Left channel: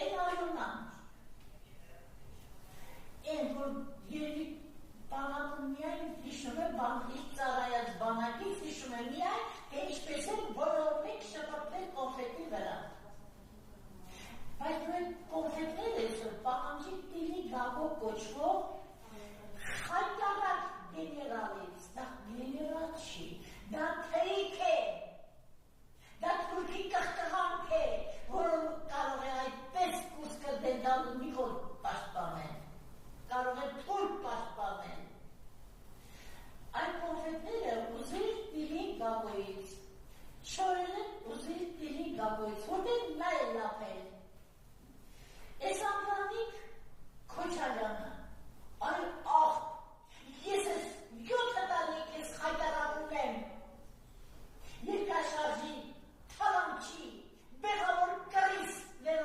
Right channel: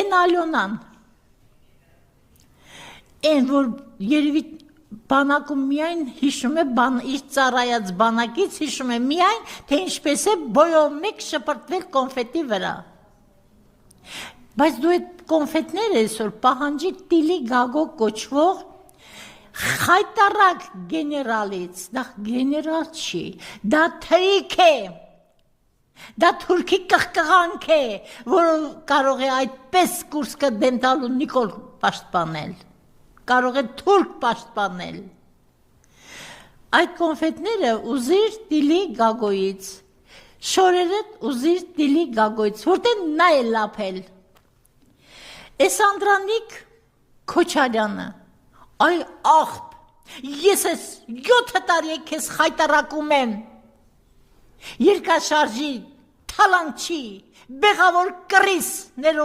Են Ալյոնան, են որ երևի բանակում միայն հիշում է իր ծառայած բանակից հիշում է միայն, թե ինչպես է բոյով մեկ շպրտվել կոնֆետի վրա։ Բայց դու այդ կոնֆետները այսօր պահանջի Տիլի Գագո կոչվող խայտարակ գեներալից, դա գեներալ չի, դա թրիկ է, դա թուրքի կղկղանք է, որը կարող է այդպես Կուրսկը դեմ տալու Նիկոլ պաշտպանել, կարող է թուրք պաշտպանել։ Այդ կոնֆետները ուզիր Տիլի Գագոյից, շորերը ուզիր Տիլի Գագոյից, որտեղ նա է լափել։ Էս Անդրանիկ Քոչարյանը, այ աղբ, ես ես 7 տարի քեզ խայտարակում եմ, երկաշարժի, թալանչի, բեղավոր կռիս ներող